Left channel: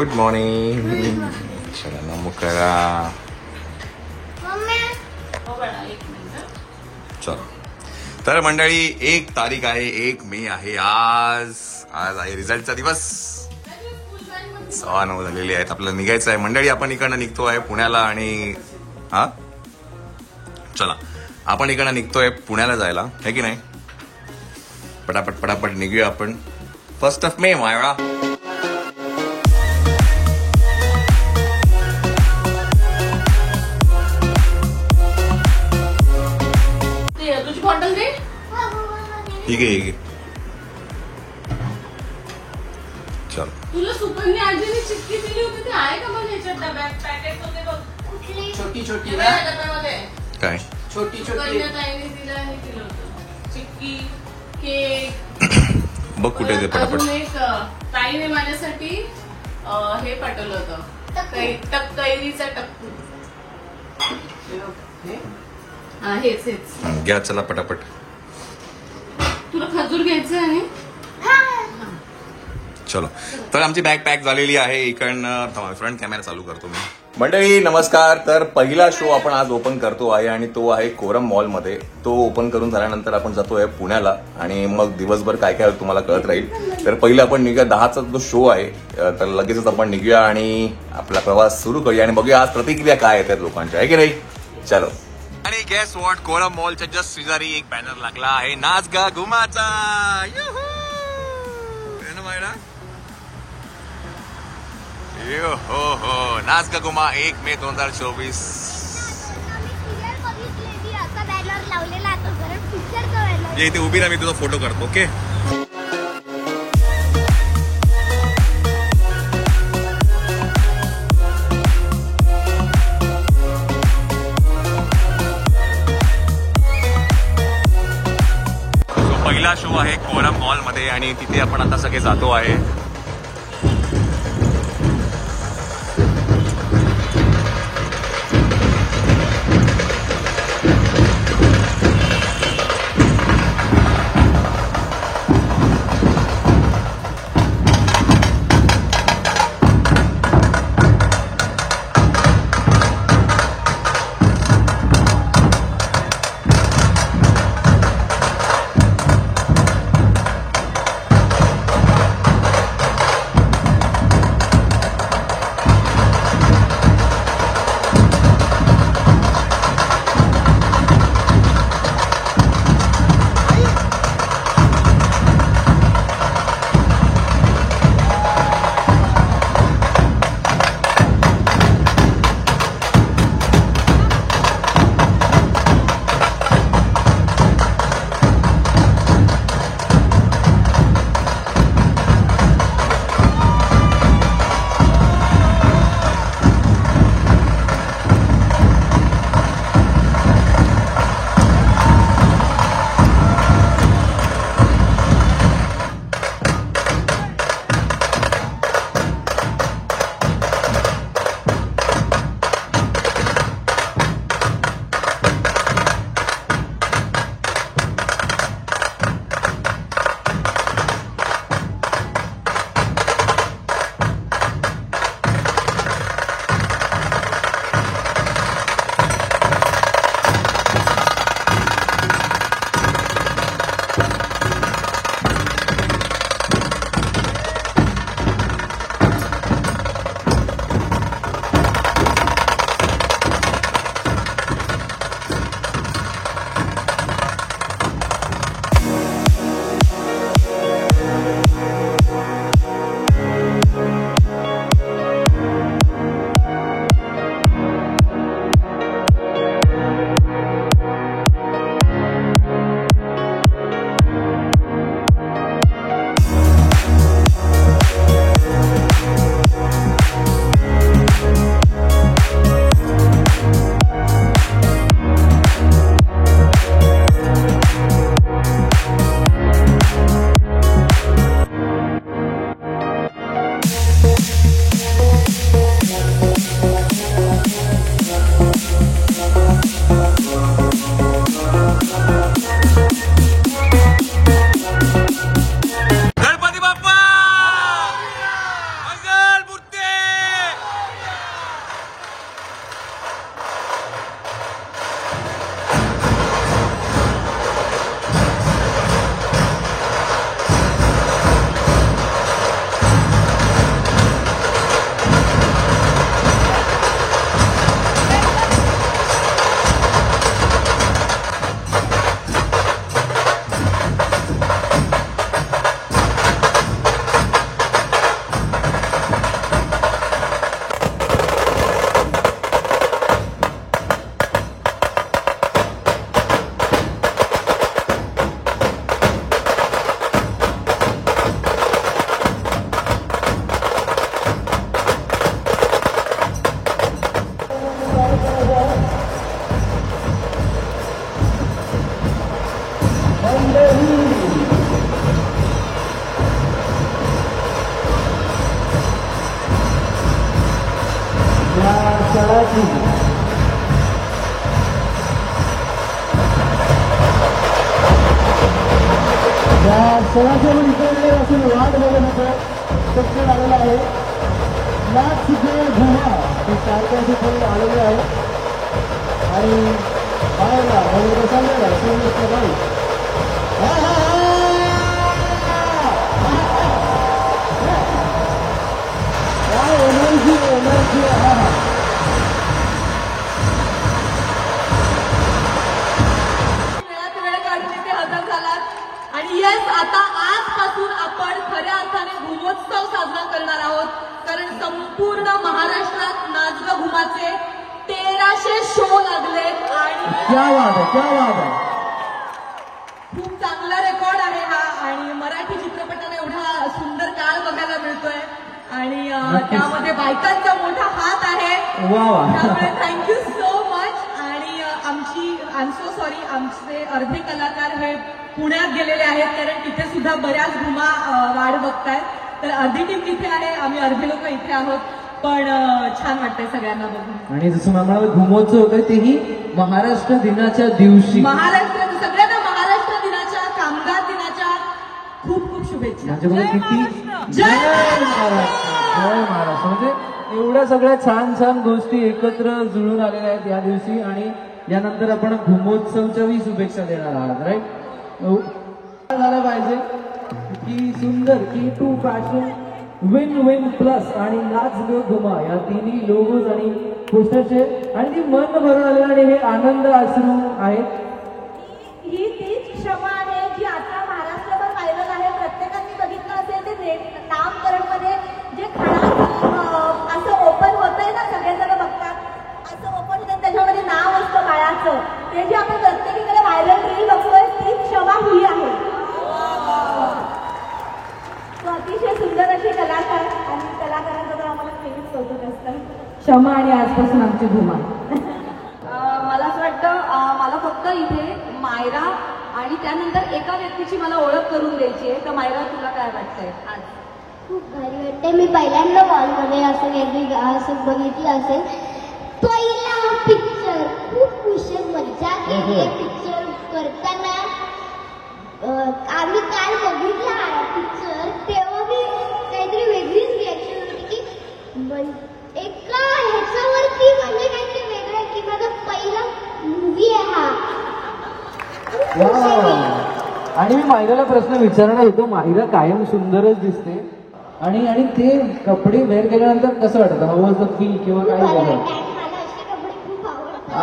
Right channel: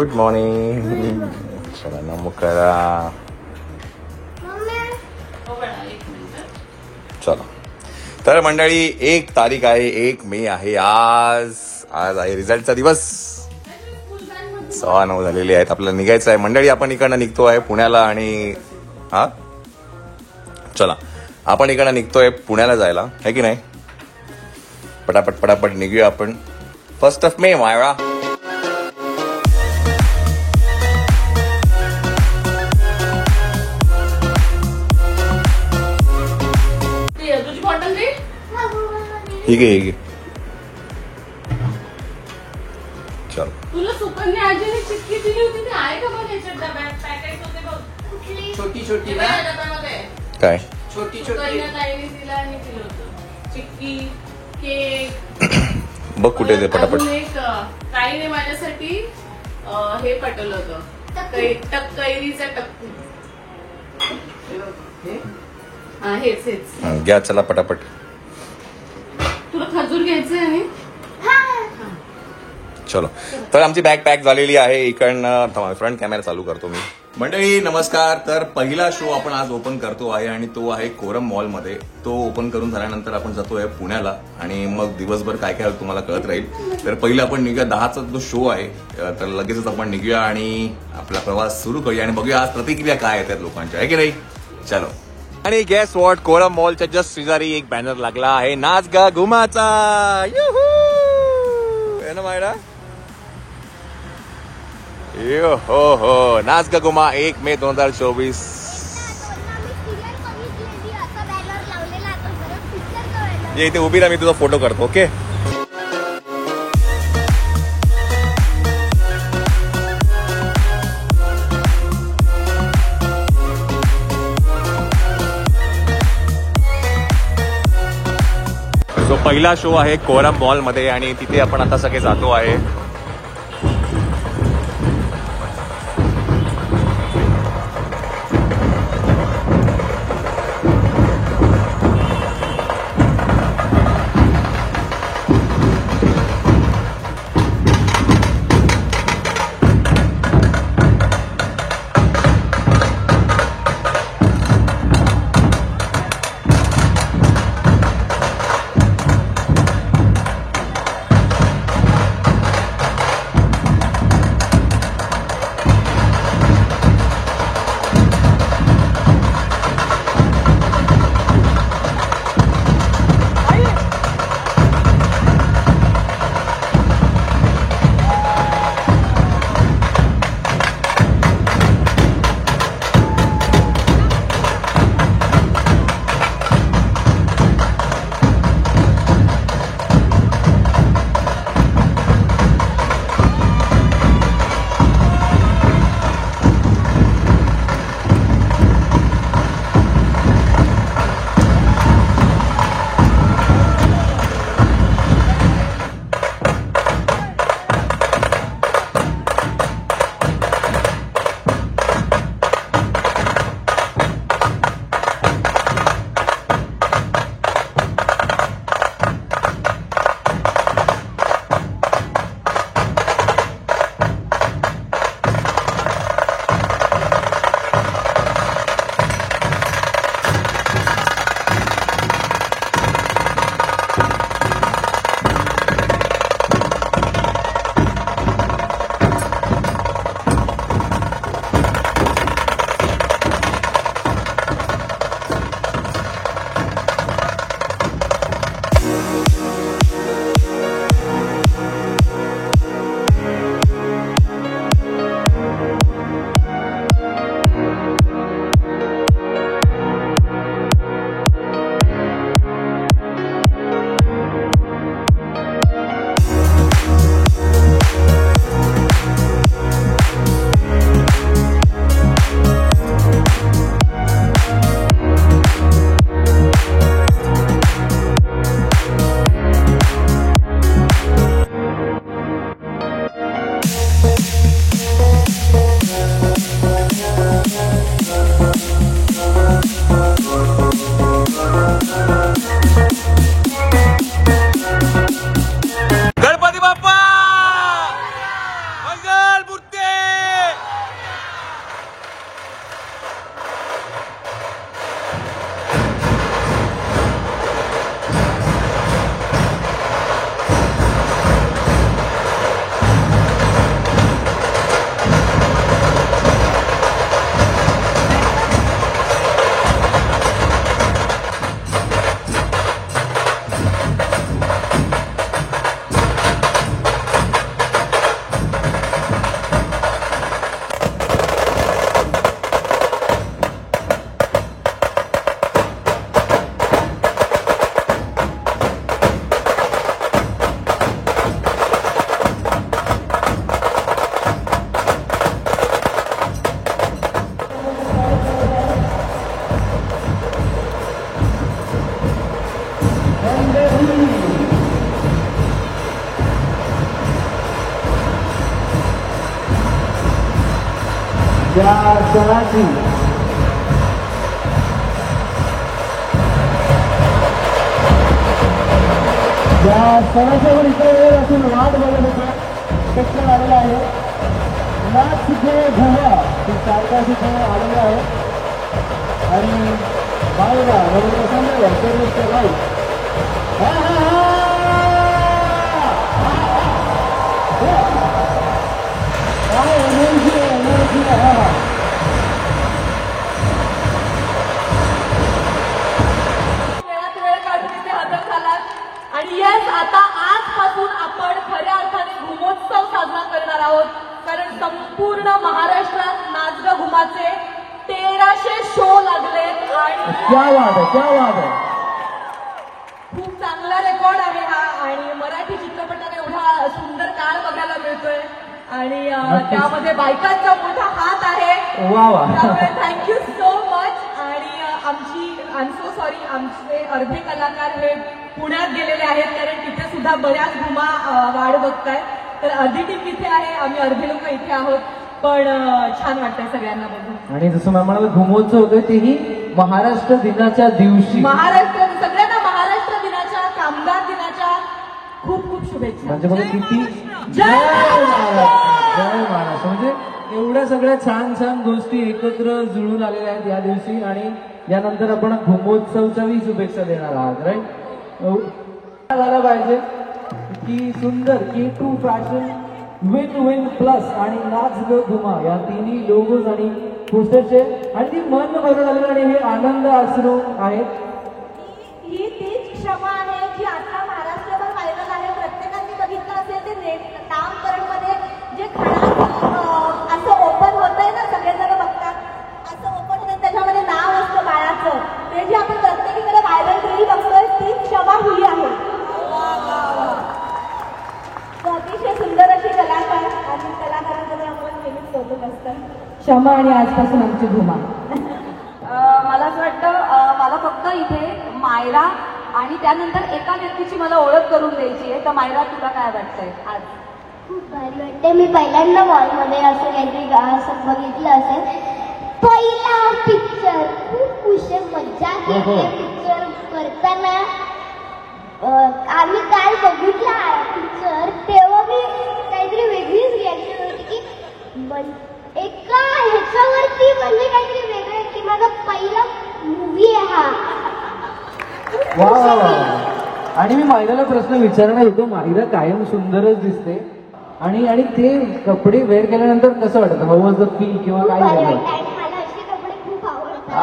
Good morning. चला नमो करा. चलो तर मंडळी 1 तारीख आहे, 1 मे आहे आज. आज आहे रिझल्टचा दिवस. 9:15 झालेले आहेत. आपल्याला निघायचं आहे मंडळी. आपण इकडनं निघतो आहे पुण्याला आणि हा चला आपण इकडनं निघतोय पुण्याला जायला, है की नाही. पटापट पटापट निघूया आपण. 1 मे मायरा. ठीक आहे. चल तुला सुकन्या आजीने चिठ्ठी दिली होती ती आहे का मग याच्यात डब्यात पॅकेट होते बघ छोटी छोटी ना काय छोटी छोटी ताईने दिला आणि दिलं होतं चिक्की केक बघ कुठे ते पटापट. एक ताईने माझ्यासाठी हे पाठवलं होतं कैरीचा टक्कू. हेच हेच घ्या चला पटापट. तुला खजूर घ्यायचे आहे. चलो तर आमची बॅग पॅक झालेली आहे. इकडनं फ्रंट कॅमेरा चालू करतो मी. मंडळी नमस्कार. तर पहिला शो आपण आज ओपन करतो आहे आणि तो आहे कोरम मॉलमध्ये. तो ओपन करून झाल्यानंतर आपण जातोय पुण्याला आणि मग दिवसभर काय काय तुम्हाला कळत राहील. तर पहिलं आपण निघूया 10चा जो शो आहे तर लगेचच आपण निघूया आणि आपला प्रवास सुरू करूया आणि बघूया आज प्रतिक्रिया काय येतात लोकांच्या, आहे की नाही. चलो. आणि गॅस वॉट कोरम मॉलच्या जस्ट शेजारी एक बॅनर लागला आहे नाच गा घुमाचा. ना मायडा हो नाच गा घुमा 1 मे 2024. इथे उभी राहा, मी तुझा फोटो करतो. ओके. पहिला शो आहे कोरम मॉल मध्ये आणि तिथे आपण आता सगळे जातो आहे. या सणाची या सणासमोर इकडे असून वाद झालेलं होतं शक्य झालेलं आहे. नाच शिकणे धुवा ते चांगला शिकणे आलेलं आहे आणि बाहेर आणि येस, आता आजपासून आपण खऱ्या अर्थाने घुमोत्सव साजरा करणार आहोत. कारण संपूर्ण महाराष्ट्रात नाचगा घुमाचे 1300 शो लागले आणि क्या बात आहे, क्या बात आहे. खूप चांगला रेकॉर्ड आहे हा. आणि मराठी चित्रपटाला एवढा सुंदर काळ बघायला मिळतोय आणि त्यामध्ये बायकांचा मोठा हात आहे. वा वा. त्यामुळे थँक्यू सो मच. आणि आय एम सो सॉरी, आमचे अर्धे कलाकार हे पुण्यात गेलेले आहेत कारण तिथे सुद्धा बऱ्याच घुमा वाढ बघतायत. तर अर्धी टीम इथे आहे, आम्ही अर्धे लोक इथे आहोत. पण छान वाटतंय सगळ्यांना बघून. आणि जसं मला घुमोत्सव होतं तेही महाराष्ट्र दिनाच्या दिवशी. सगळ्यांना महाराष्ट्र दिनाच्या, कामगार दिनाच्या खूप खूप शुभेच्छा. म्हणजे बघा किती जय महाराष्ट्र. म्हणजे एवढ्या सगळ्या छान छान गोष्टी एकत्र जुळून आलेल्या आहेत या दिवशी. आणि यानंतर आपण घुमोत्सवच्याही शुभेच्छा देणार आहात. राईट झालं पाहिजे की सुंदर की टू फॅशन विन विन प्लस आणि नाच ग घुमा या तिन्ही लोगोज आणि पोस्टरचे आणि ती मन भरून आलेलं आणि हे आनंद अश्रू आहेत. ही तीच क्षमा आहे जी आता महाराष्ट्रभर व्हायरल आहे. प्रत्येकाने बघितलं असेल ते नामकरणमध्ये जे खणाचं असं ओपन होतंय ना, सगळेजण बघतात असं ओपन होतं, त्याच्यामध्ये नाव असतं बाळाचं. ते जे आपण प्रत्येकीकडे व्हायरल रील बघतोय ती क्षमा ही आहे. अतिशय सुंदर अशी कलाकार आणि कलाकारांबरोबर आपण नेहमीच कौतुक असतं. क्षमा आणि आजपासून आमची धुमा. मला असं वाटतं मला फक्त इथे मायरा आणि त्यानंतर एका व्यक्तीची मला ओळख करून द्यायची आहे. तर मायरा, तुला काय वाटतंय आज? खूप भारी वाटते. मी पहिल्यांदा मॉलमध्ये असं काहीतरी असं बघितलं असेल. पहिला पिक्चर खूप खुश मज्जा केली. पिक्चर करताना आम्ही काय बघितला पिक्चर तेव्हा मी काहीतरी वेगळीच रिॲक्शन होती की एका ह्याच्यावरती म्हणजे काहीतरी वेगळं की माझा पहिला मूवी आहे हा. वा. आणि मी मायराला प्रश्न विचारणार होतो. मायरा कायम सुंदरच दिसते आणि आणि ते कपडे वेअर केल्यानंतर कसं वाटतं? वॉज द फील किंवा काय झालं? मला असे कपडे खूप आवडतात.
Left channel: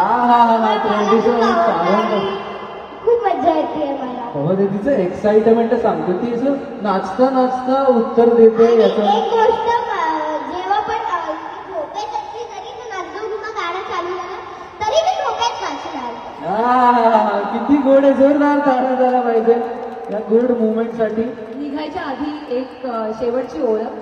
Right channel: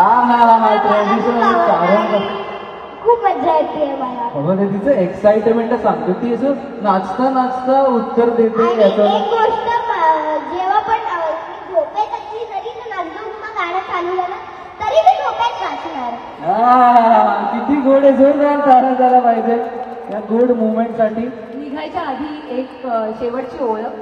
खूप मजा येते मला. तिचं एक्साइटमेंट सांगतो. ती असं नाचता नाचता उत्तर देते आणि याचं. एक गोष्ट जेव्हा पण झोपेत असली तरी नाचून गाणं चालू झालं तरी मी झोपेत नाचणार. किती गोड आहे. जोरदार तारा झाला पाहिजे या गोड मुवमेंटसाठी. निघायच्या आधी एक शेवटची ओळख.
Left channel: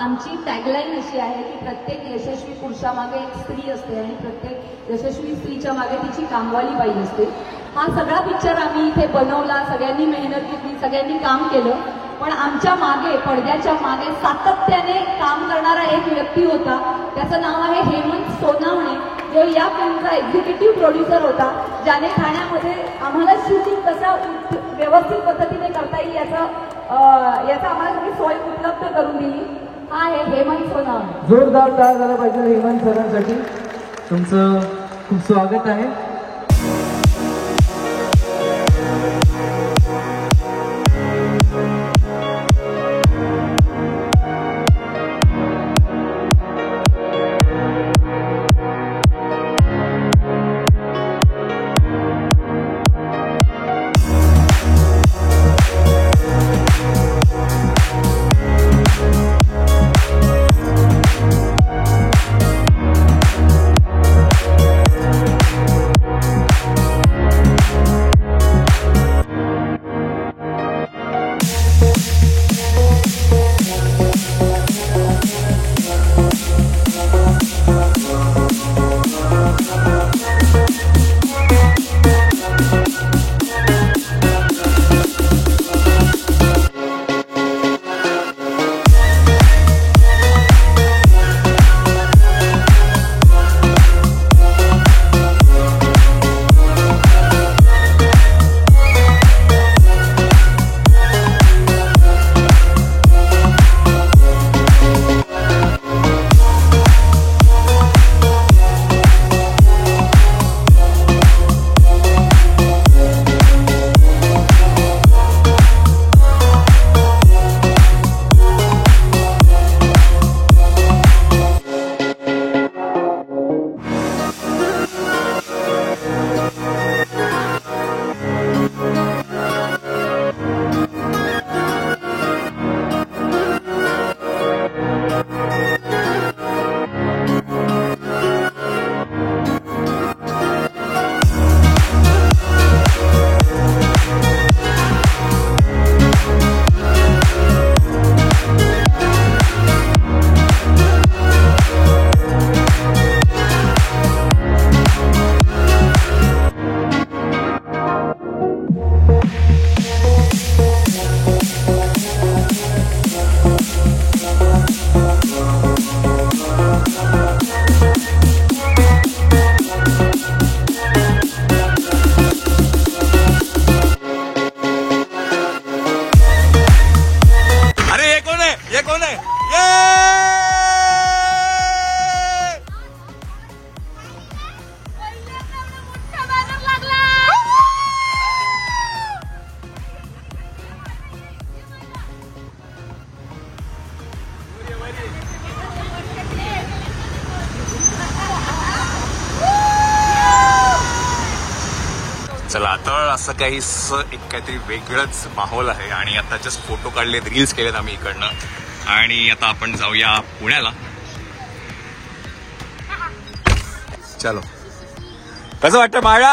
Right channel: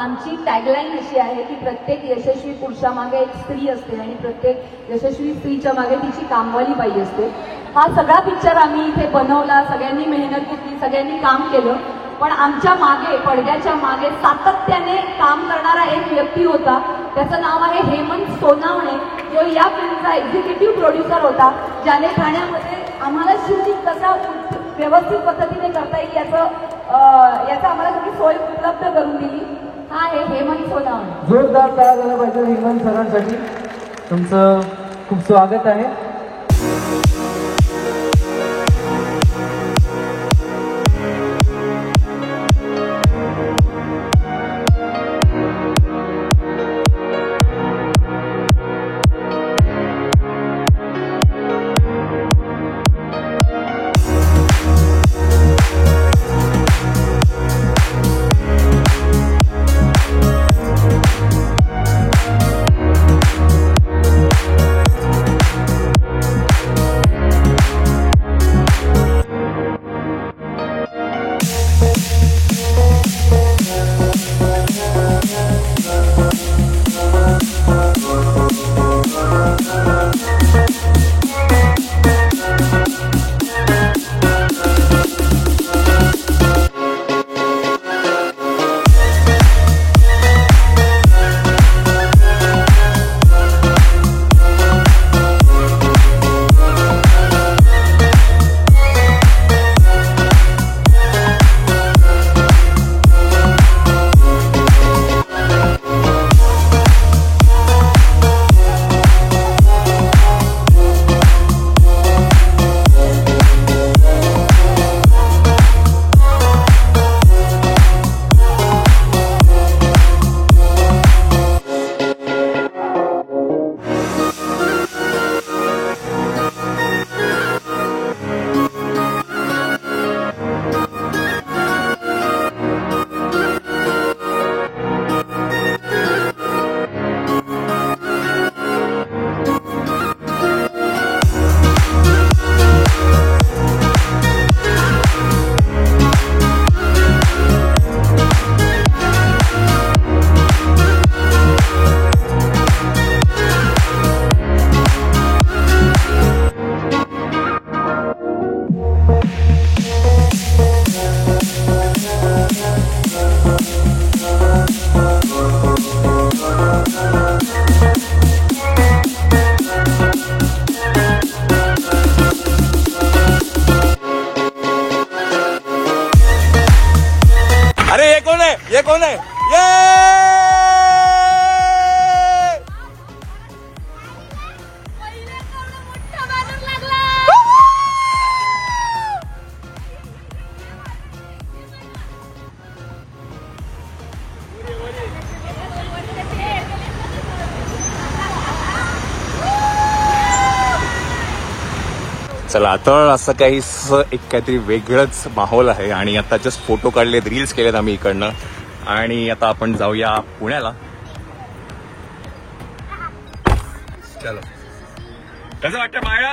आमची टॅगलाईन अशी आहे की प्रत्येक यशस्वी पुरुषामागे एक स्त्री असते आणि प्रत्येक यशस्वी स्त्रीच्या मागे तिची कामवाली बाई असते. हा सगळा पिक्चर आम्ही इथे बनवला, सगळ्यांनी मेहनत केली, सगळ्यांनी काम केलं. पण आमच्या मागे, पडद्याच्या मागे सातत्याने काम करणारा एक व्यक्ती होता. त्याचं नाव आहे हेमंत सोनावणे. तो या फिल्मचा एक्झिक्युटिव्ह प्रोड्युसर होता, ज्याने गाण्यामध्ये आम्हाला शूटिंग कसं व्यवस्थित पद्धतीने करता येईल याचं आम्हाला सगळी सोय उपलब्ध करून दिली. हा आहे हेमंत सोनावणे. जोरदार तारा झाला पाहिजे हेमंत सरांसाठी. तुमचं खूप स्वागत आहे. चला तर असं काही एक काहीतरी वेगळंच माहोल आहे आणि आता जस्ट फोटो काढलेत, रील्स केलेत आम्ही इकडनं आणि आता आपण जाऊया पुण्याला. चलो कसं वाटतं माळा?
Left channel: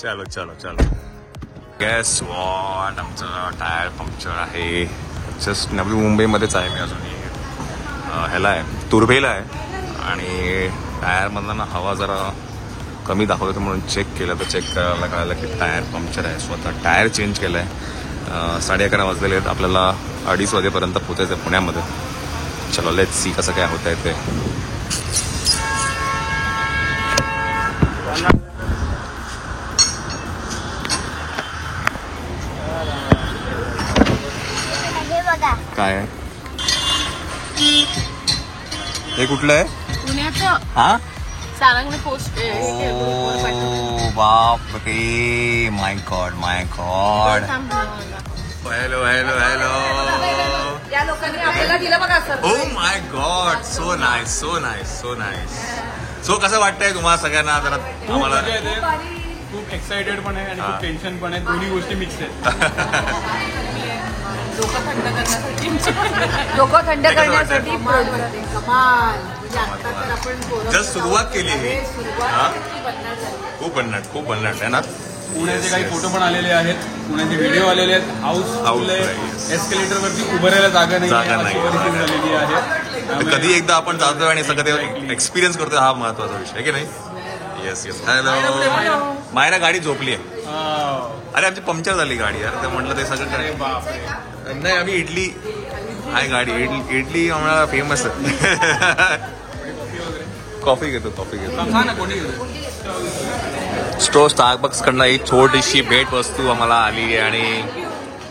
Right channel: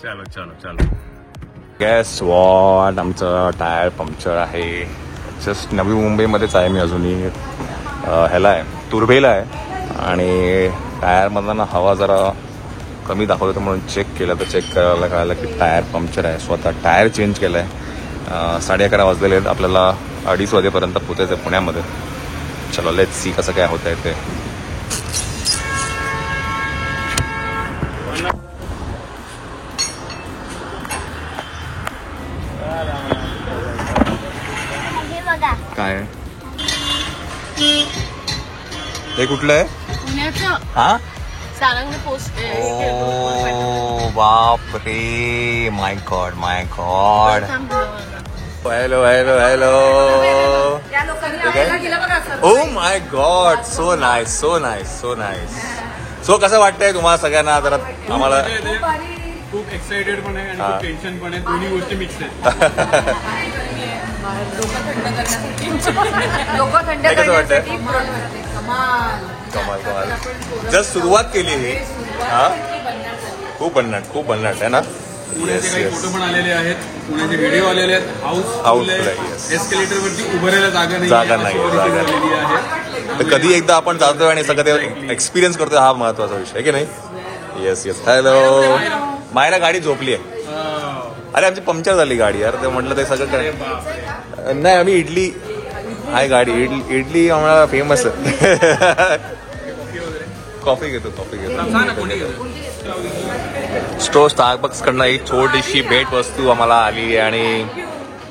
चलो चलो चलो. गॅस वॉट, आमचं टायर पंक्चर आहे. जस्ट नवी मुंबईमध्येच आहे मी अजूनही. ह्याला आहे तुर्भेला आहे आणि टायरमधला ना हवा जरा कमी दाखवलं होतं म्हणून चेक केलं तर चेक करायला कळालं की टायर पंक्चर आहे. स्वतः टायर चेंज केलं आहे. 11:30 वाजलेले आहेत. आपल्याला 2:30 वाजेपर्यंत पोचायचं आहे पुण्यामध्ये. चलो लेट्स सी कसं काय होत आहे ते. काय हे कुठलं आहे? पुण्याचं हा सारंगी पोस्ट. बाप रे, my god my god. Hello hello hello. Oh my god, so nice so nice so nice. So कसं वाटतंय तुम्हाला सगळ्यांना? जरा आम्हाला खूप एक्साइटेड पण आहे आणि खूप टेन्शन पण आहे. दोन्ही गोष्टी मिक्स आहेत. हे कसं वाटतंय? कमाल कमाल. जस्ट सुरुवात केली ही. हा खूप भन्नाट आहे ना. पुण्याचे काही फोटो पण आलेले आहेत, पुण्याचे व्हिडिओ आलेले आहेत. हाऊस एस्केलेटर वरती उभं राहायला जागा नाही आहे. तर कधी एकदा आपण जातोय आणि सगळं एक्सपिरियन्स करतोय, हा महत्वाचा विषय आहे की नाही. Yes yes. हॅलो. मायला गाडी झोपली आहे. अरे आमची पंक्चर झाली गाडी यार. ते म्हटलं ते सगळं नाही. आम्ही इडली आहे गाडी. इडली आम्हाला फेमस आहे. कॉफी घेतो. स्टारबक्स कडनं एक छोटीशी भेट वस्तू आम्हाला आली आहे आणि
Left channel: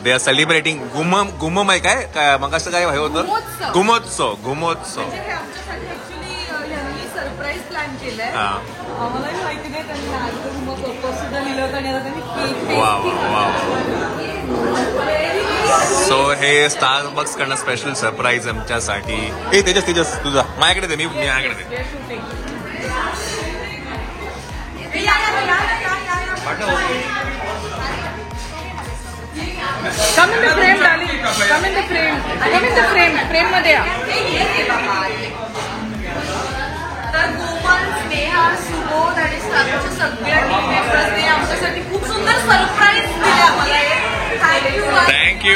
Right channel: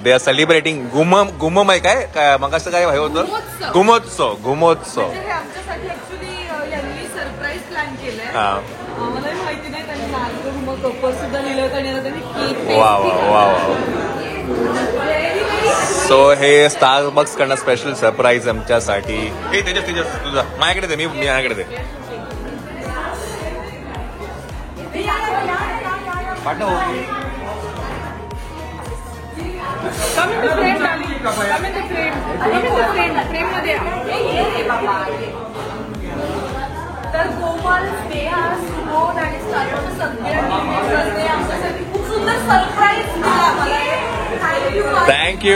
दे आर सेलिब्रेटिंग गुमम आहे काय मग असं काय होतं? घुमोत्सव. सरप्राईज प्लॅन केलंय. हा आम्हाला माहिती नाही. त्यांनी नागपूर पेपर सुद्धा लिहिलं होतं आणि आता त्यांनी वा वा वा. सो हे स्टारबक्स कडनं स्पेशल सरप्राईज आमच्यासाठी. हे तेजस तुझा माझ्याकडे दे. मी माझ्याकडे दे. तर कोमल, स्नेहा, सुबोध आणि स्टारच्या सगळ्या टीम मेंबर्सने आमच्यासाठी खूप सुंदर सरप्राईज दिले आम्हाला. Thank you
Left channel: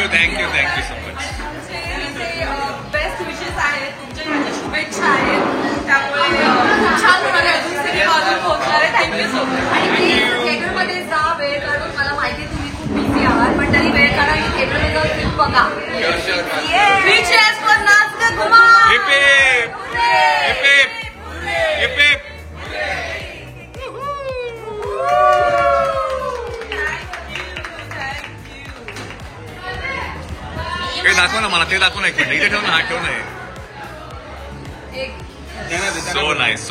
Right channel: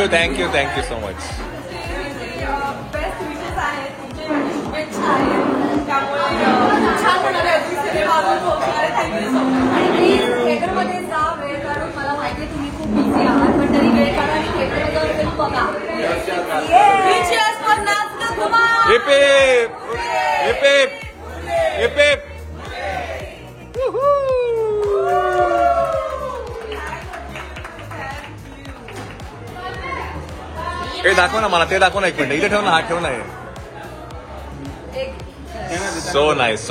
so much. बेस्ट विशेस आहेत, तुमच्या शुभेच्छा आहेत. त्यामुळे खूप छान होणार आहे. अजून सिनेमा अजून पोहोचणार आहे. Thank you so much. आणि प्लीज थिएटरमध्ये जा, वेळ काढून. मला माहिती तुम्ही खूप बिझी आहात पण तरी वेळ काढा आणि थिएटरमध्ये जाऊन फिल्म बघा. विशेष पण नाच ग धुमाल. Heap heap. हे दाखव ना मला. ते दाखव ना. एक मिनिट इथे ठेव ना. हा ठेव ना. So nice.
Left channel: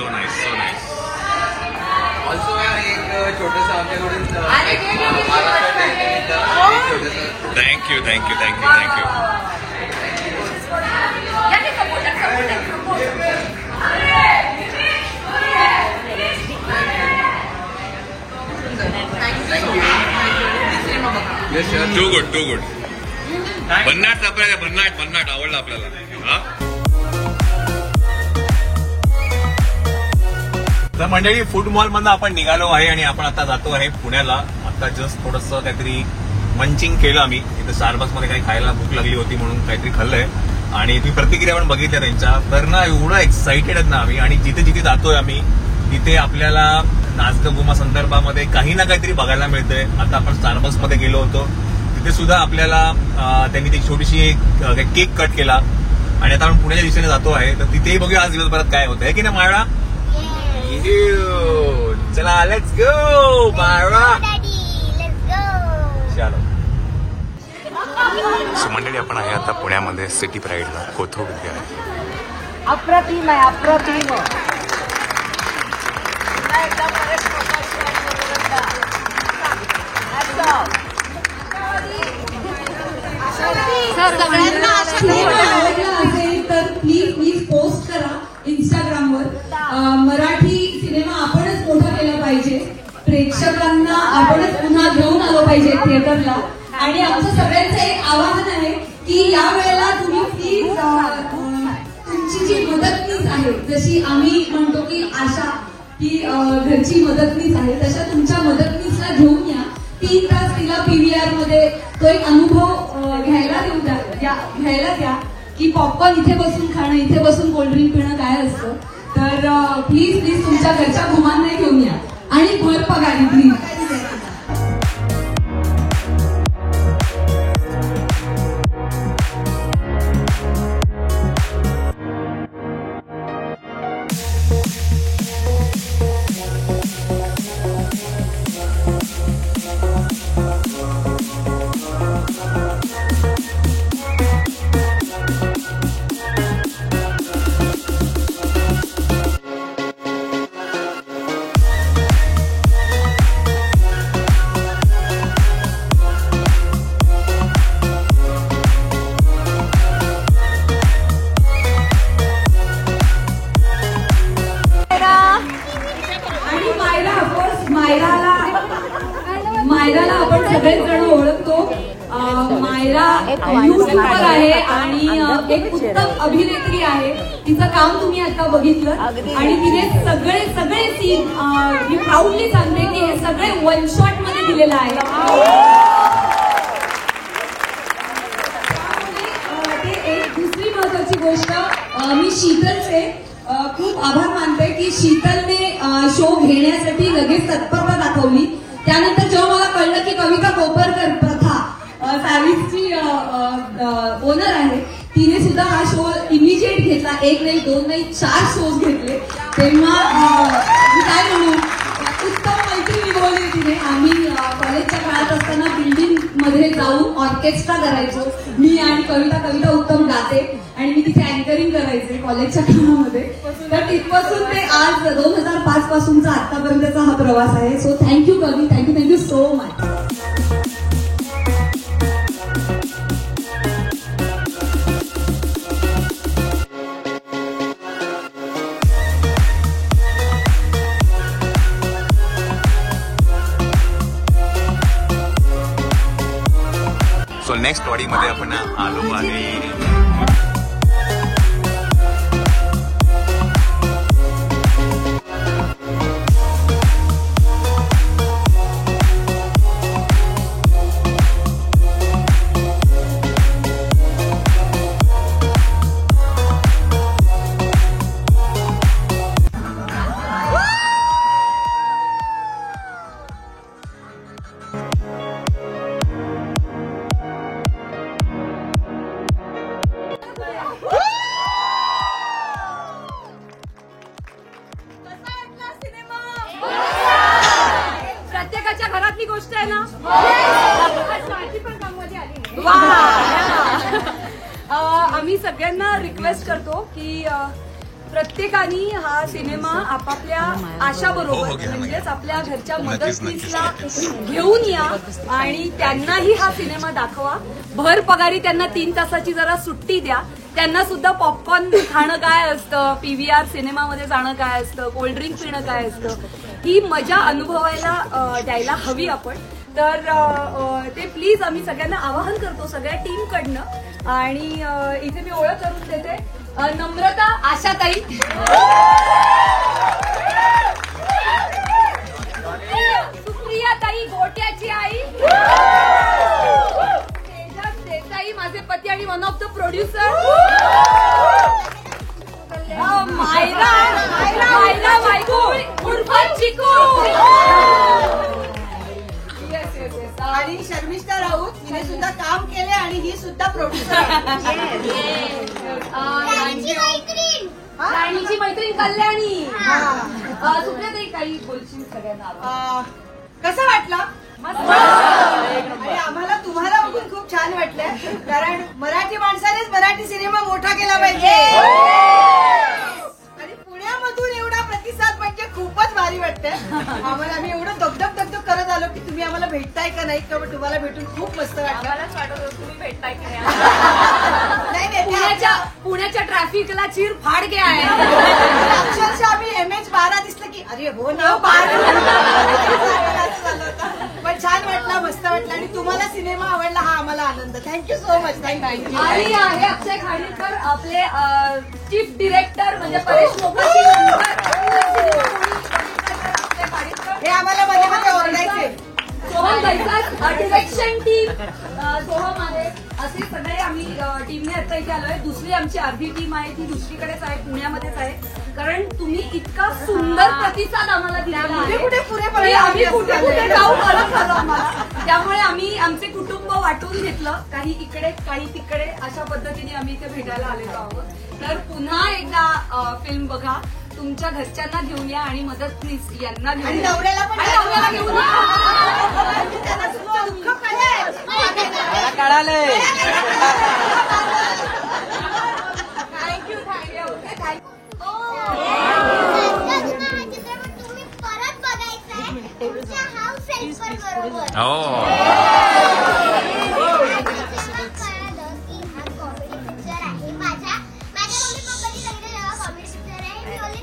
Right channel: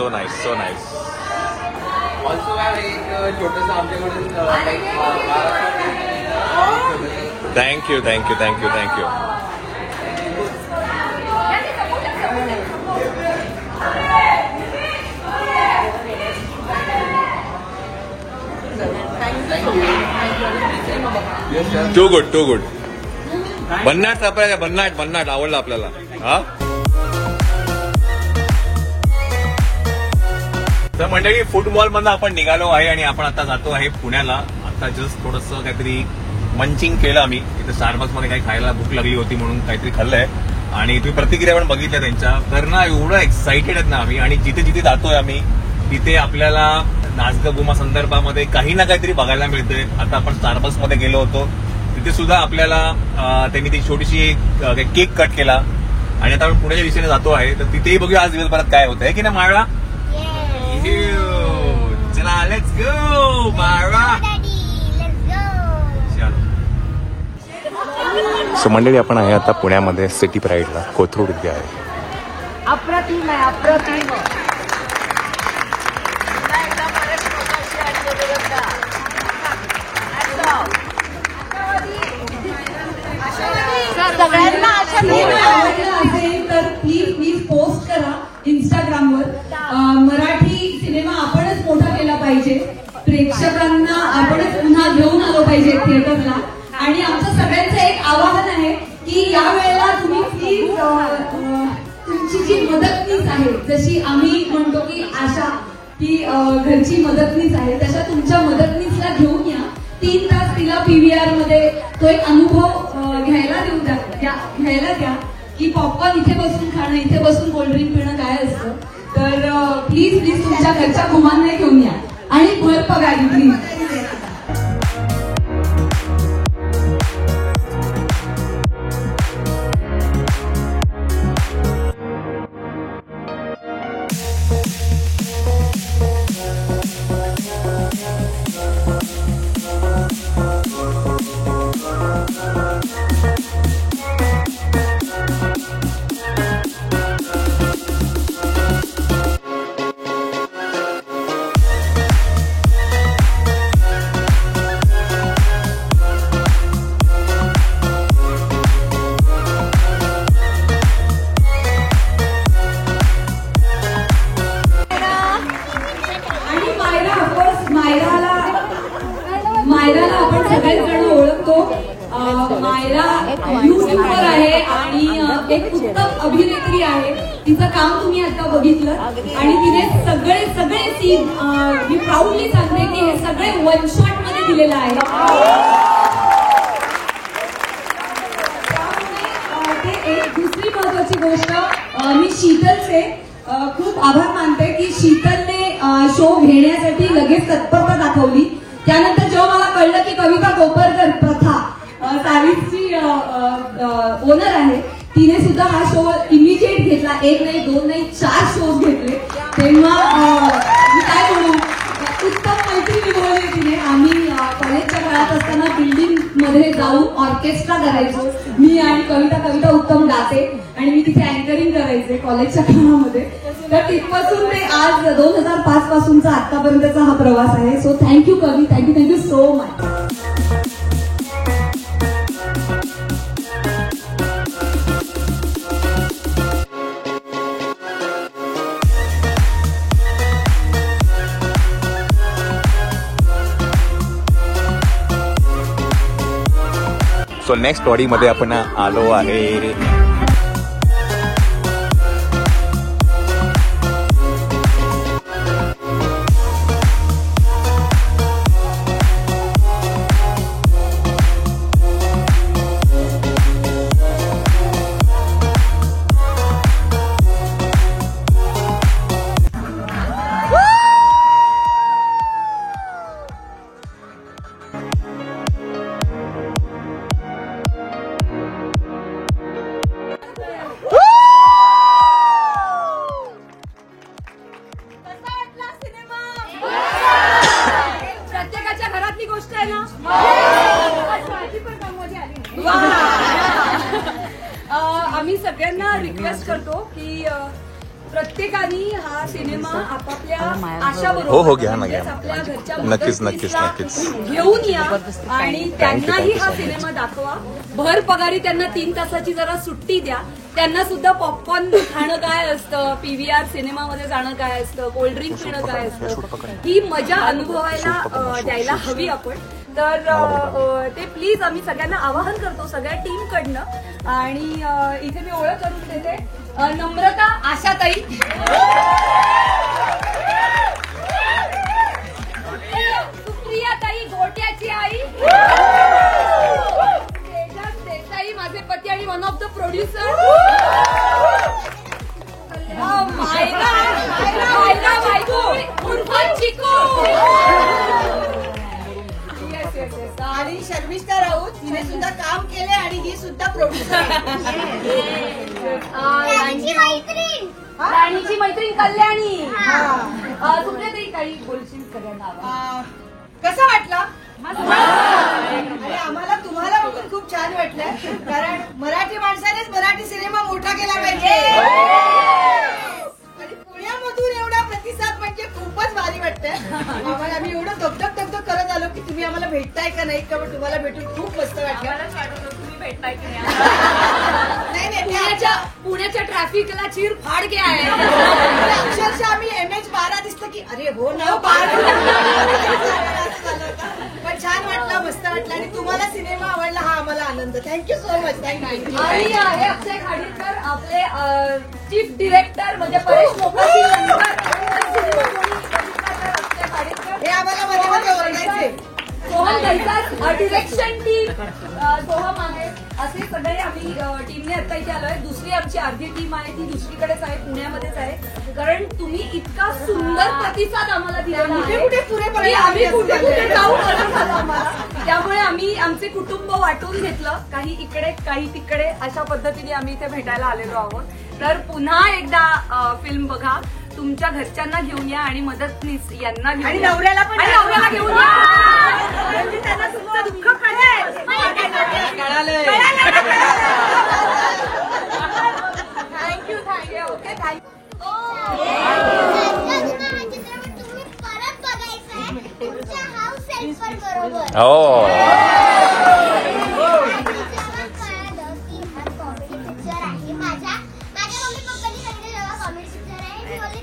Thank you. Too good. भन्नाट सरप्राईज आहे. भन्नाट आवडलं आपल्याला. हा तर मंडळी, फूड मॉल मधून आपण निघालो आहे आणि आपण आता जातो आहे पुण्याला. आता जस्ट थोडंसं काहीतरी मंचिंग केलं आम्ही. इथे स्टारबक्स मध्ये काही खायला भूक लागली होती म्हणून काहीतरी खाल्लंय आणि तुम्ही प्रतिक्रिया पण बघितल्या त्यांच्या. तर ना एवढं एक्साइटेड आहेत ना आम्ही. आणि जिथे जातोय आम्ही तिथे आपल्याला नाचगं संदर्भामध्ये काही ना काहीतरी बघायला मिळतंय. आता आपण स्टारबक्स मध्ये गेलो होतो, तिथे सुद्धा आपल्याला त्यांनी ती छोटीशी केक कट केला आणि आता आपण पुण्याच्या दिशेने जातो आहे. तर तिथेही बघूया आज दिवसभरात काय होतं आहे की नाही मायरा. चला लेट्स गो मायरा. सो मंडळी, आपण आहे आता पुण्यामध्ये सिटी प्राईडला. कोथरूड इथे आहे. अप्रतिम आहे. असेल तर प्लीज पोस्ट करा इंस्टाग्रामवर. मराठी जशी आम्ही म्हणतो की आशा ही घरची मदतनीस आहे, तशा तुमच्या मदतनीसला घेऊन या. 3 तास तिला पीव्हीआर मध्ये तो एक अनुभव घ्यायला द्या की पॉपकॉर्न इथे बसून खाणं, इथे बसून कोल्ड्रिंक पिणं काय असतं. तर प्लीज तुमच्या घरच्या घुमांना घेऊन या आणि भर पगारी प्लीज. मायराला आपण सगळेच जण ओळखतो. मायरा युट्यूबर आहे आणि एक उत्तम अभिनेत्री आहे. तिचं काम तुम्ही आता बघितलं आणि तिने सगळे सीन मी प्राऊडली सांगते की हे सगळे वन शॉट मध्ये दिलेलं आहे. एक दुसरी महत्वाची गोष्ट, मी शीतलचे खूप आभार मानते की शीतलने शो घेण्यासाठी लगेच तत्परता दाखवली. त्यानंतर जेव्हा मला कळलं की कविता कोपरकर प्रथा सारीची ओनर आहे, तिने सुद्धा हा शो इनिशिएट घेतला. 1 नाही 2 नाही 4 शोज घेतले. तेव्हा मी काय म्हणू, उत्तम मैत्री निभवली तिने. आम्ही कॉलेजच्या काळात असताना बिल्डिंग मध्ये जाऊन ऑर्केस्ट्रा करायचो. मी आणि कविता उत्तम गाते आणि मी तिथे अँकरिंग करायचे कॉलेजच्या काळामध्ये. तर तिथपासून ते आज 2005 पासूनचा आतापर्यंतचा हा प्रवास आहे. सो थँक्यू कवी, thank you so much. So next स्टोरीमध्ये आपण आलो आहे. प्रत्येकाच्या घरातली गोष्ट आहे ना. माझी पण काममध्ये आली. आम्ही सगळ्यांना रिक्वेस्ट करतो की प्रत्येकाने हा सिनेमा आपापल्या आशाबरोबर म्हणजेच आपल्या घरच्या मदतनीसला घेऊन या आणि त्यांनाही हा सिनेमा दाखवा. भर पगारी त्यांना 3 तासाची जरा सुट्टी द्या. त्यांना सुद्धा पॉपकॉर्न खाणं काय असतं, पीव्हीआर सिनेमामध्ये जाणं काय असतं, कोल्ड्रिंक पिणं काय असतं, ही मजा अनुभवायला द्यायला हवी आपण. तर ते प्लीज आम्ही सगळ्यांना आवाहन करतो सगळ्या टीमकडनं. आणि इथे मी ओळख करून देते, नम्रता आशाताई, सुप्रियाताई गोट्याची आई, तेजस देसाई माझे पती आणि one of the producer, Myra बायको उर्फ चिकू, आणि शर्मिष्ठा राऊत हिने सुद्धा काम केले आणि ही सुद्धा प्रोड्युसर. राणीची मैत्रीण कल्याणी. सुप्रियाताई काही बोलशील सगळ्यांना? कसं वाटला? आणि आम्हाला तुम्हाला बघून खूप छान वाटलंय, कारण मराठी माणसानेच मराठी सिनेमा मोठा केला पाहिजे. आणि पुण्यामधून एवढा प्रतिसाद म्हणजे खूपच भारी वाटतंय आम्हाला. आम्ही एवढं दगदग करत आलो की तुम्ही आम्हाला भेटताय का नाही का, तुम्हाला भेटून खूप मस्त वाटलं. भेटताय की नाही? पुण्याच्या ट्रॅफिकला चीर फाड गया आहे. अक्षरशः आम्ही MH12 दिसलं की अरे हो ना पण छान वाटलं, मस्त वाटलं आणि तुम्हाला सिनेमा आवडला हा आम्हाला आनंद. Thank you so much. थँक्यू. आणि आहे अक्षय खाडीलकर आपले चीफ डिरेक्टर म्हणजे परेश मोकाशी हे आम्हाला मध्ये मध्ये ओरडायचे. सोहम गैसास डिरेक्शन टीम सोहम आहे. असे सगळे आम्ही टीमने आता इथे आलोय. दुसरी आमची अर्धी टीम आहे ती दुसरीकडेच आहे, पुण्यामध्येच आहे. कारण तुम्ही इतका सुंदर प्रतिसाद आम्हाला दिलेला आहे. कुठे पुरे आम्ही कुठे कुठे जाऊ करत आलो आम्हाला. त्यामुळे आम्ही आमचे कुटुंब वाटून घेतलं, काही इकडे काही तिकडे अशा पद्धतीने आम्ही इथे भेटायला आलेलो आहोत. तर पुन्हा एकदा फिल्म बघा, तुमच्या घरच्यांना घेऊन या आणि मदतनीस यांना घेऊन आणि नवऱ्याला पण घेऊन या. त्यांना तुमचं दुःख कळलंय. तुम्ही परत बघायचंय तुमच्या हाऊस हेल्पर बरोबर. कळलं की हा कॉमेडी पिक्चर आहे. माझ्या मम्मी पप्पांनी सांगितलं जेव्हा कॉमेडी पिक्चर आहे मी बोलले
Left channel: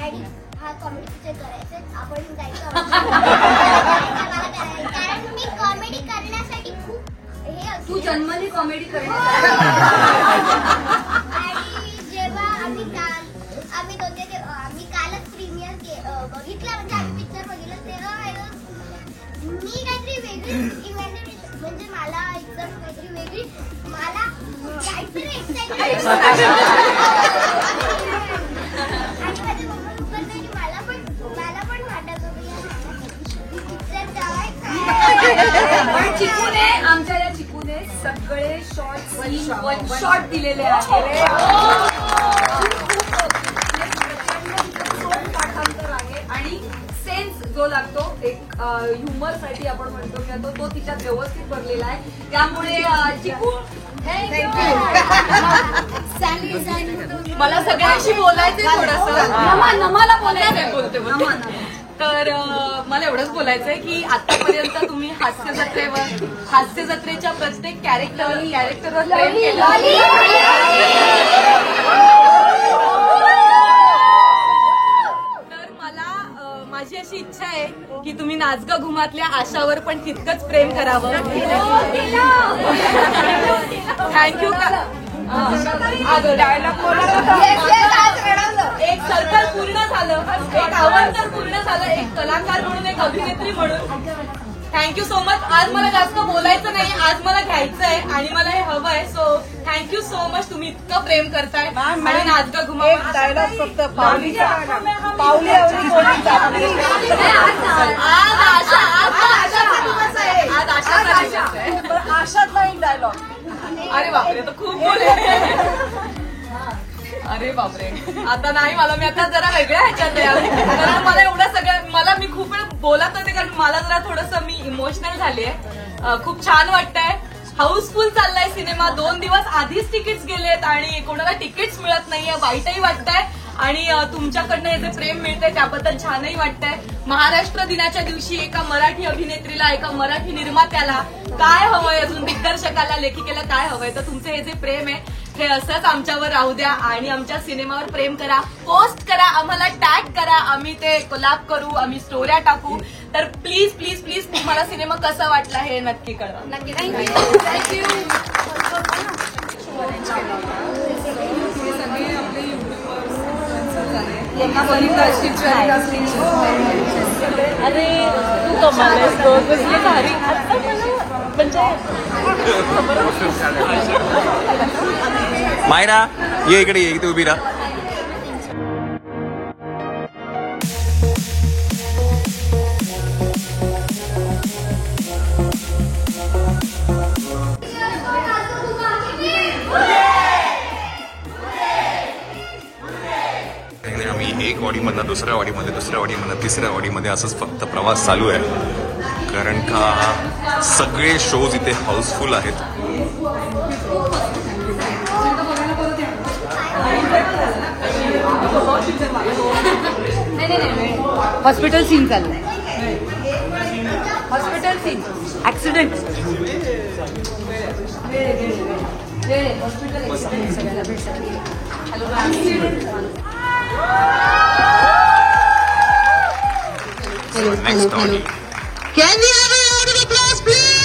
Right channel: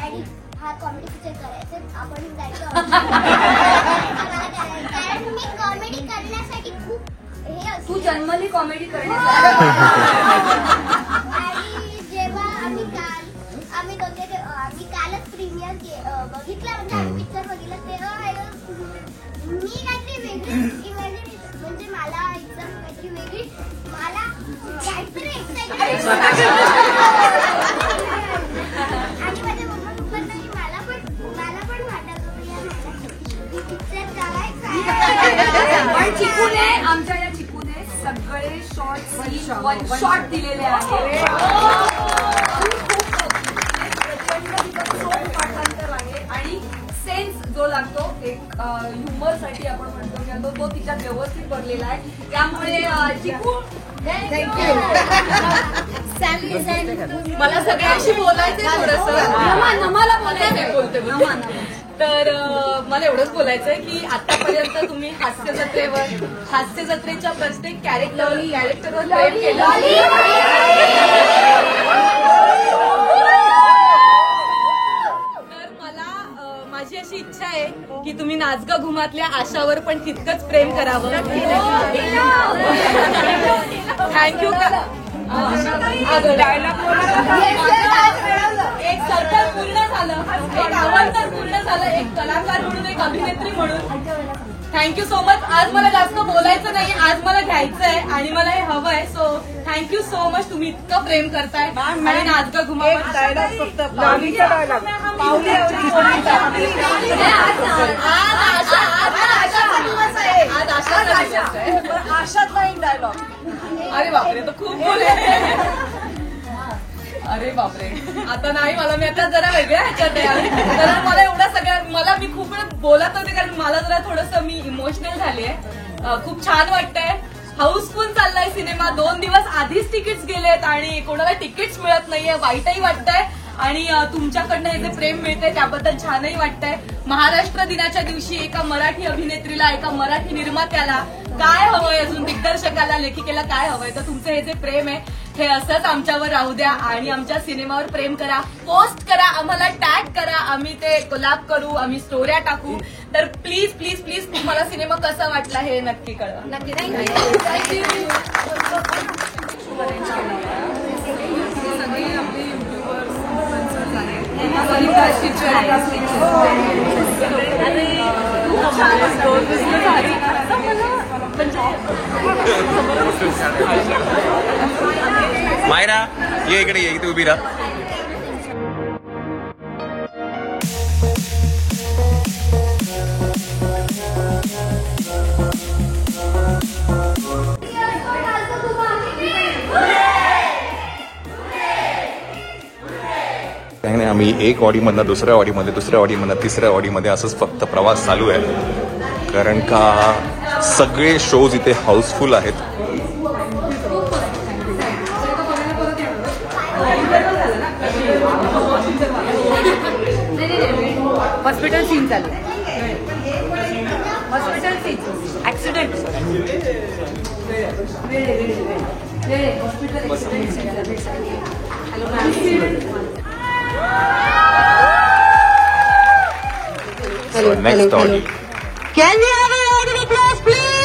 डॅडी हा कॉमेडी पिक्चर करायचं आपण जायचं. कारण मी कॉमेडी करण्यासाठी खूप हे असतं. तू जन्मली कॉमेडी करण्यासाठी. आणि जेव्हा आम्ही कालच प्रीमियर बघितलं म्हणजे आम्ही पिक्चर बघितलं तेव्हा मी काहीतरी वेगळी इमॅजिनेशन म्हणजे मला एकदम काहीतरी वेगळी मला काहीतरी एक्साइटमेंट आणि माझ्या मम्मा पप्पांना की मला पण वाटत होतं पिक्चर पण चिकूने आमच्या या चिकूने सगळे शॉर्ट वन शॉट दिलेले आहेत. पाठांतर आहे आणि सेन्स जो लागतो एक ह्युमर साठी आपण म्हणतो तो तिच्यात व्यवस्थित भरलेला आहे. त्यामुळे चिकू मला सगळ्यांशी बोलायचंय थोडंसं. मला बोलायचंय. तर मला एवढंच बोलायचंय की आतापर्यंत तुम्ही हास्य जत्रेच्या प्रत्येक कॅरेक्टरवर प्रेम केलं. तर मला माझी अशी इच्छा आहे की तुम्ही नाचगा घुमातल्या आशावर पण तितकंच प्रेम करावं. थँक्यू. एक सर्कल पूर्ण झालं, एक आव्हान पूर्ण झालं, एक कलाकार म्हणून एक अभिनेत्री म्हणून. Thank you so much. आज मला जास्त बोलायचं नाही, आज मला घ्यायचंय आणि मला हे हवंय. So thank you so much. तुम्ही इतकं प्रेम करताय आणि नाचगा घुमावर डायलॉग फक्त आशातला एक डायलॉग. अरे बापरे, तर खूप बोलले. अरे बापरे, आता नाही. मी आता जरा वेगळ्या ह्याच्यात आहे. कारण मला एवढं सगळ्या मी खूप वेळ बोलत होते कारण मला जरा थोडंसं मी इमोशनल झालीये. खूप छान वाटतंय. हाऊसफुल चाललाय सिनेमा. 2 दिवस आधीच तिकीट्स गेलेत आणि कोणाला तिकीट्स मिळत नाहीये. वाईटही वाटतंय आणि तुमच्याकडनं हे जे प्रेम मिळतंय त्याबद्दल छानही वाटतंय. महाराष्ट्र दिनाच्या दिवशी एका मराठी अभिनेत्रीला, एका मराठी निर्मात्याला काय हवंय, अजून दिग्दर्शकाला, लेखिकेला काय हवंय, तर तुमचं हे जे प्रेम आहे हे असंच आमच्यावर राहू द्या आणि आमच्या सिनेमावर प्रेम करा. पोस्ट करा, आम्हाला टॅग करा, आम्ही ते कोलॅब करू, आम्ही स्टोऱ्या टाकू. तर प्लीज प्लीज प्लीज तुम्हाला सिनेमा कसा वाटला हे नक्की कळवा. नक्की. थँक्यू. सगळे आपले युट्यूबर्स इन्फ्लुएन्सर्स आहेत. त्यांना बरीच आणि तू कमाल कसली भारी. मायरा ये इकडे, ये इथे उभी राहा. आम्ही एक ऑडीमधनं दुसऱ्या ऑडीमध्ये, दुसऱ्या ऑडीमधनं तिसऱ्या ऑडीमध्ये असंच फक्त प्रवास चालू आहे. कारण का सगळे शोज इथे हाऊसफुल आहेत. हॉस्पिटल सीन चाललंय. Hospital scene accident So next audio. Can we have a round of applause, please?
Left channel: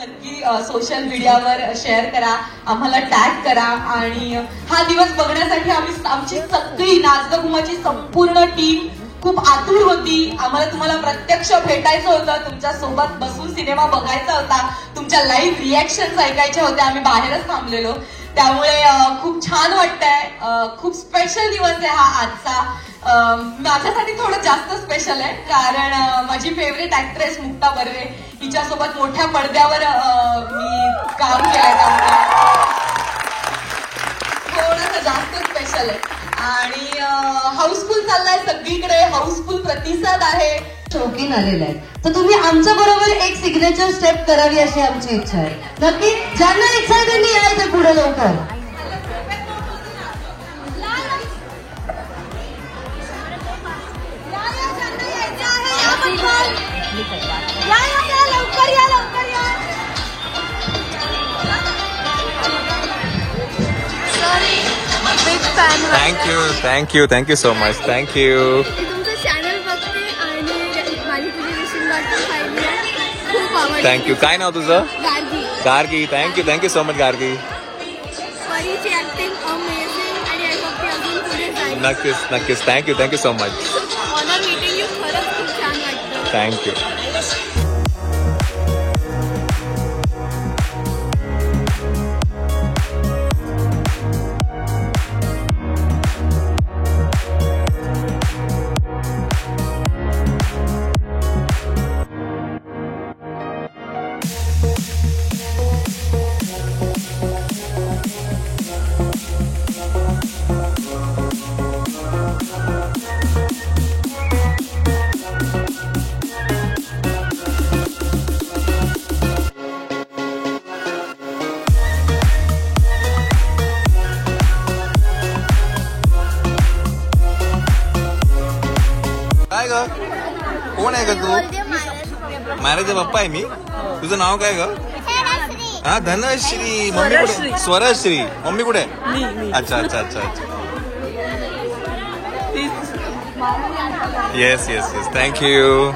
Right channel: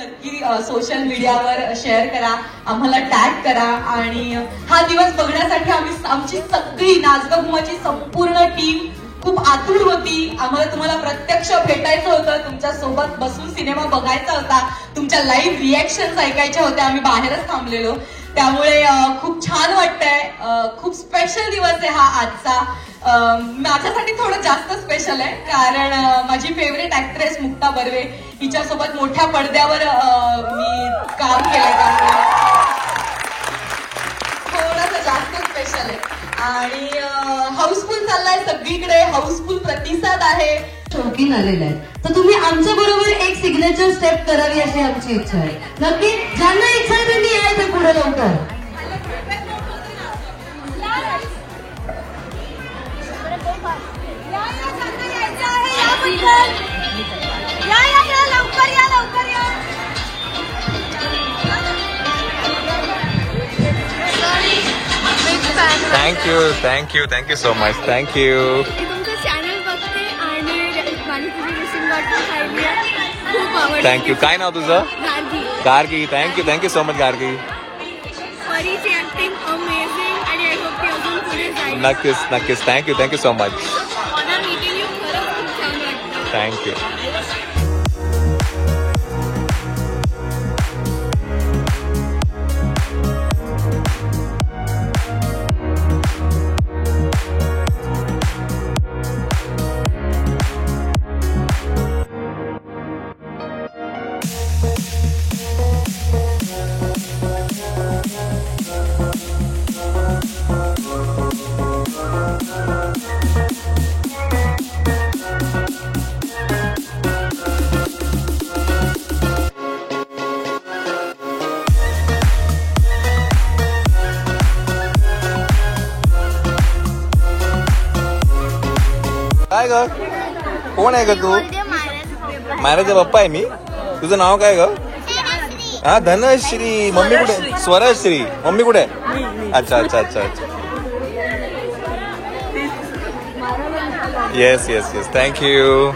नक्की सोशल मीडियावर शेअर करा, आम्हाला टॅग करा आणि हा दिवस बघण्यासाठी आमची सगळी नाचगं घुमाची संपूर्ण टीम खूप आतुर होती. आम्हाला तुम्हाला प्रत्यक्ष भेटायचं होतं, तुमच्या सोबत बसून सिनेमा बघायचा होता, तुमच्या लाईव्ह रिॲक्शन ऐकायच्या होत्या. आम्ही बाहेरच थांबलेलो, त्यामुळे खूप छान वाटतंय. खूप स्पेशल दिवस आहे हा आजचा. माझ्यासाठी थोडं जास्त स्पेशल आहे कारण माझी फेवरेट ऍक्ट्रेस मुक्ता बर्वे हिच्यासोबत मोठ्या पडद्यावर मी काम केलं, थोडंसं जास्त स्पेशल आहे. आणि हाऊसफुल चाललाय सगळीकडे, हाऊसफुल प्रतिसाद आहे. शौकीन आलेला आहे तर तुम्ही आमच्या बरोबर एक सिग्नेचर स्टेप करावी अशी आमची इच्छा आहे. नक्की ज्यांना इच्छा आहे त्यांनी यायचं पुढे लवकर. Thank you so much. Thank you. तुमचं चॅनल बघते आणि माझी तुझी रिसिंग पाहिली खूप आवडली. Thank you. काय नाव तुझं? Gargi. Thank you so much, Gargi. परीची ऍक्टिंग अमेझिंग आणि आय होप ती अजून पुढे जाईल. नक्कीच. Thank you so much. मला मीटिंग यू खरंच खूप छान वाटतं. Thank you. काय ग, कोण आहे ग तू? महाराजचा पप्पा आहे मी. तुझं नाव काय ग? हा, धनश्री. मम्मी कुठे? स्वरश्री. मम्मी कुठे? अच्छा. येस. थँक्यू.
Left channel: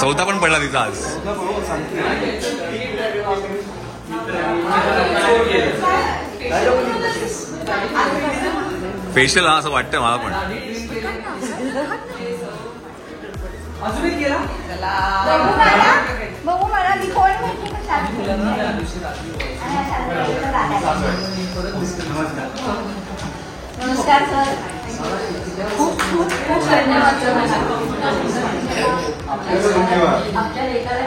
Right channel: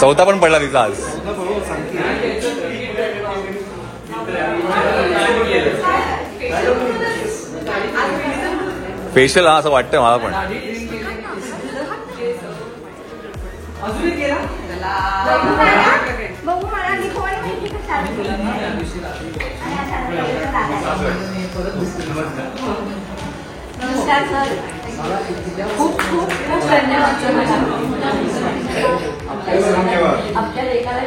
चौथा पण पडला तिचा आज. स्पेशल हा असं वाटतंय मला पण. नमस्कार सर. खूप धन्यवाद सर. आपल्या एकाला